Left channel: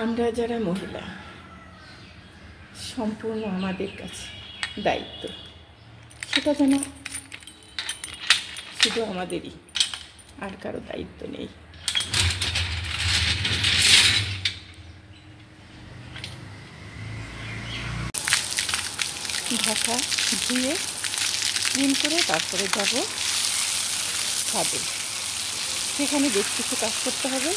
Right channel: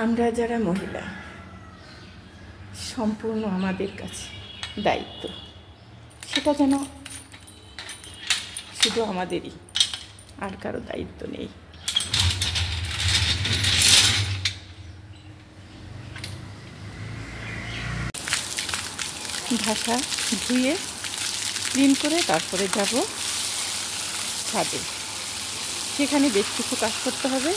আমরা যারা মহিলা সম্পূর্ণ আমাদের কাছে দায়িত্ব, সেটা যেন শুধু আমাদেরই, আর কারো দায়িত্ব নেই। ঢাকা ধুয়ে ক্লিন করে তারপরে যাব ছাদে, সেখানে বেশ কিছু কাজ করতে হবে।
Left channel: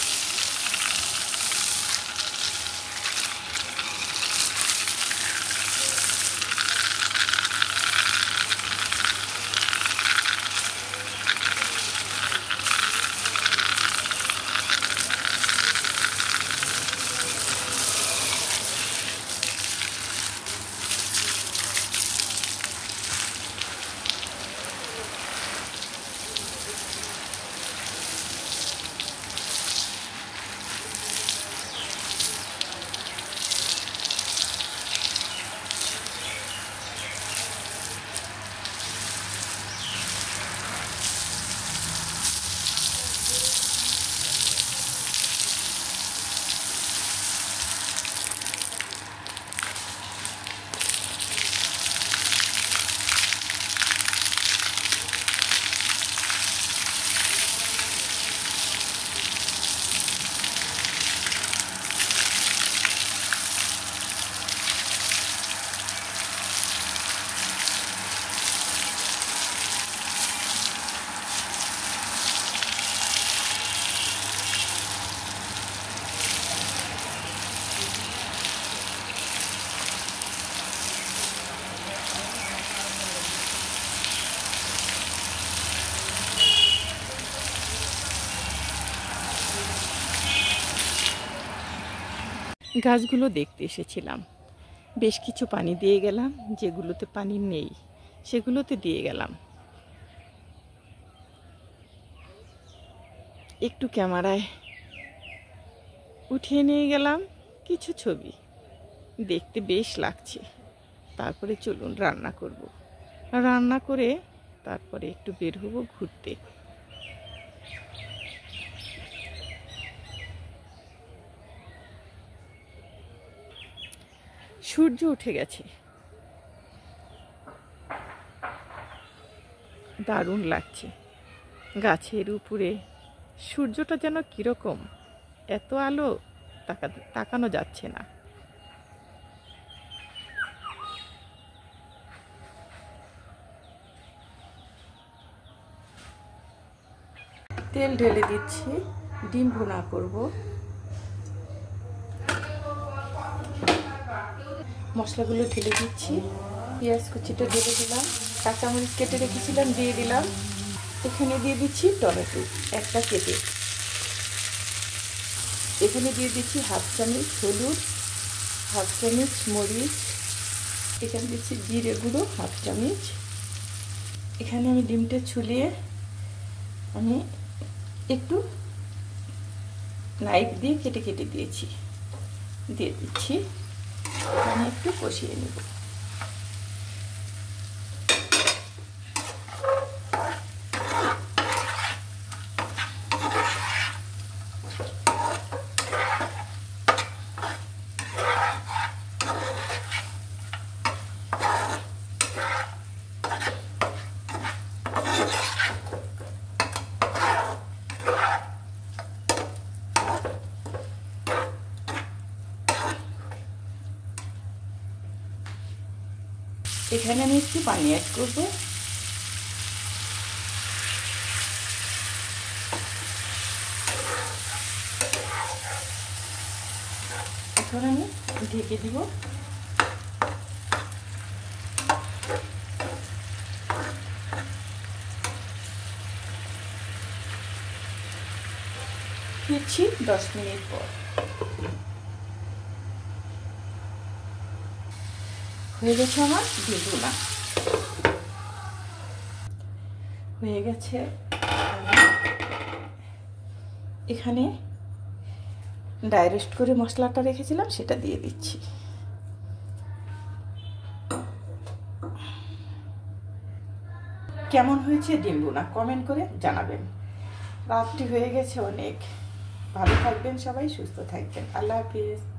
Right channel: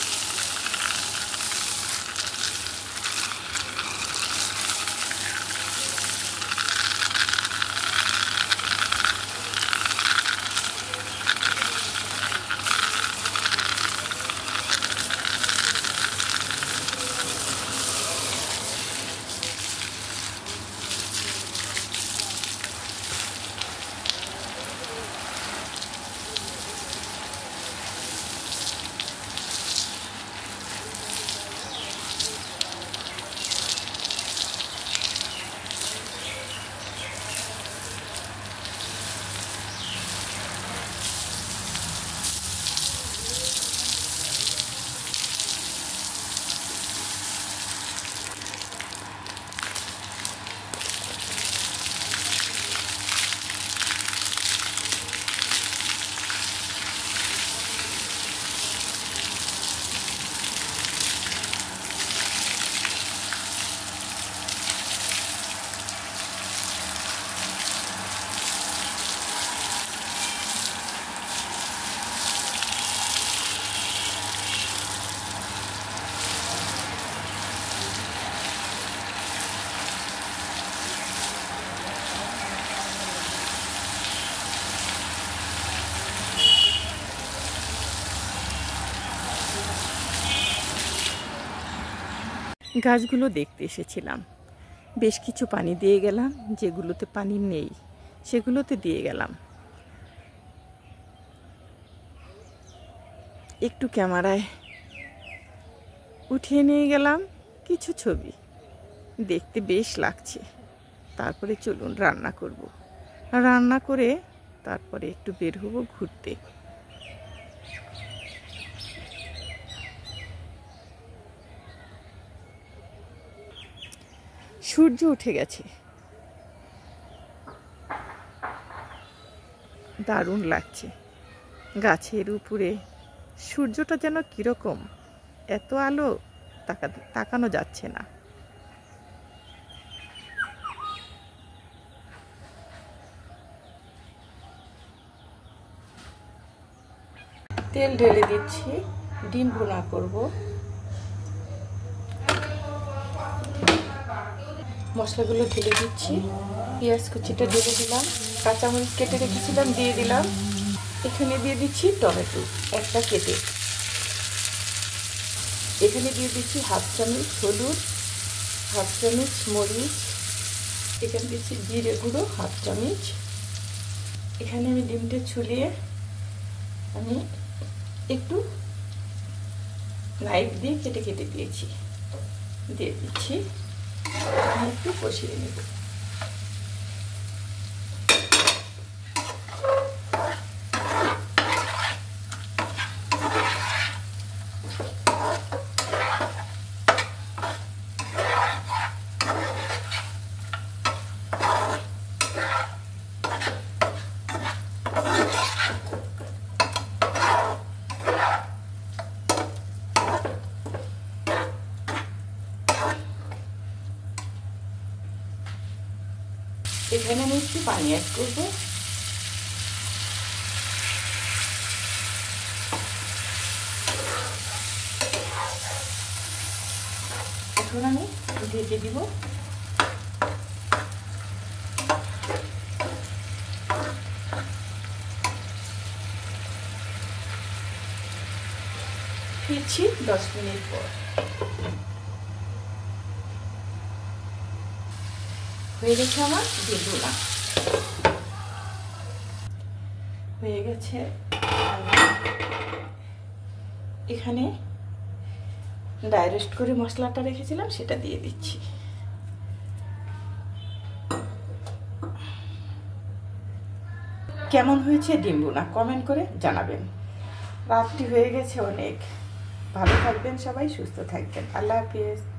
গাছগুলো দেখতে এসেছিলাম, বেশ কিছু পানি দিয়ে গেলাম, যেগুলোতে পানি নেই সেগুলোতে দিয়ে গেলাম। একটু ক্যামেরায় উঠিয়ে নিয়ে গেলাম কিছু ছবি, দেখতে বেশ লাগছে। তারপরে চলুন রান্না করব, রান্না করে তারপরে একটু বের হবো ঘুরতে। সূর্য উঠে গেছে, দারুণ লাগছে। গাছের উপরে সূর্যটা যেন কিরকম, এত আলো তাকানো যাচ্ছে না। তেল ঢেলে দিচ্ছি, ডিম ভুনা করব। মশলাগুলো ঢেলে দিচ্ছি, পেঁয়াজ কুচিটা ঢেলে দিলাম, কাঁচামরিচ কেটে রেখেছিলাম দিয়ে দিলাম। এখানে দিয়ে দিচ্ছি টমেটো একটা কেটে। এখানে দিয়ে দিচ্ছি হাফ চামচ হলুদ, হাফ চামচ মরিচ, এখানে দিচ্ছি জিরে গুঁড়ো হাফ চামচ। এখানে আমি ডিমটা ছুলিয়ে আমি একটু নাইফ দিয়ে কেটে কেটে দিয়েছি, দিয়ে দিচ্ছি। আমি একটু কষিয়ে নেব। এখানে আমি একটু পানি অ্যাড করব। এখন আমি ঢেকে দিব। ফিরছি 10 মিনিট পর। হয়ে গেছে আমার ডিম ভুনা, হয়ে গেছে। এখানে ড্রাই রোস্ট করে মশলাটা রেখেছিলাম সেটা দিয়ে দিচ্ছি। কেমন হয়েছে ডিম ভুনা কমেন্ট করে জানাবেন। রাতটি হয়ে গেছে অনেক, ভালো থাকবেন সবাই, সুস্থ থাকবেন। আল্লাহ হাফিজ।